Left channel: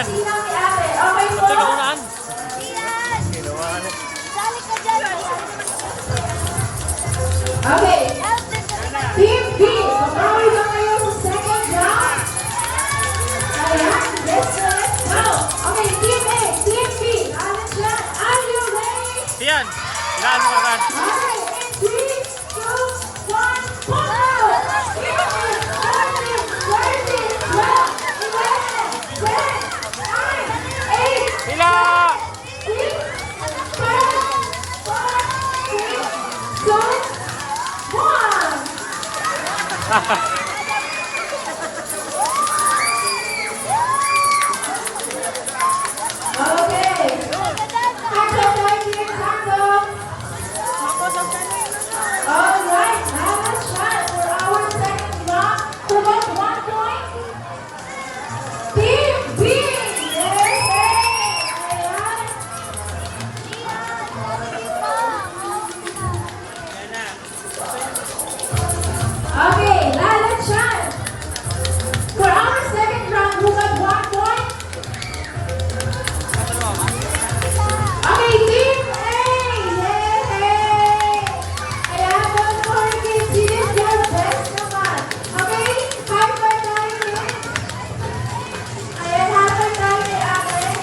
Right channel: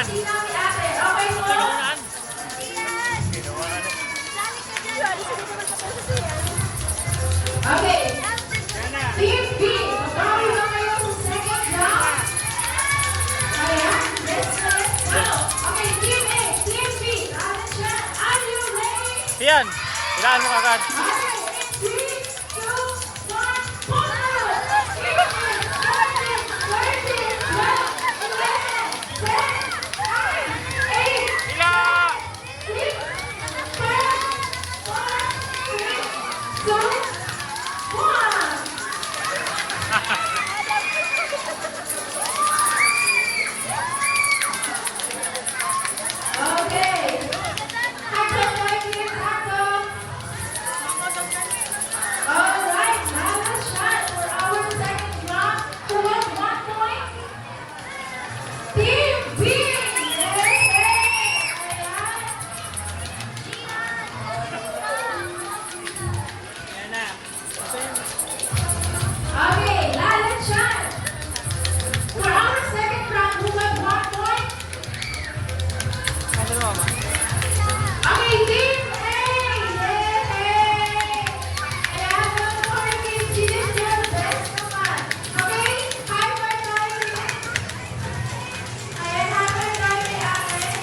yan. Okay po. Tulungan. Ginawa na. Okay. Team B, magkakaroon na kayo sa second round. Ayan, let's go. Okay, Team A, Team B, are you ready? Yan. Ilaan mo agad. Okay, 3, 2, 1, go! Sila! Two, one.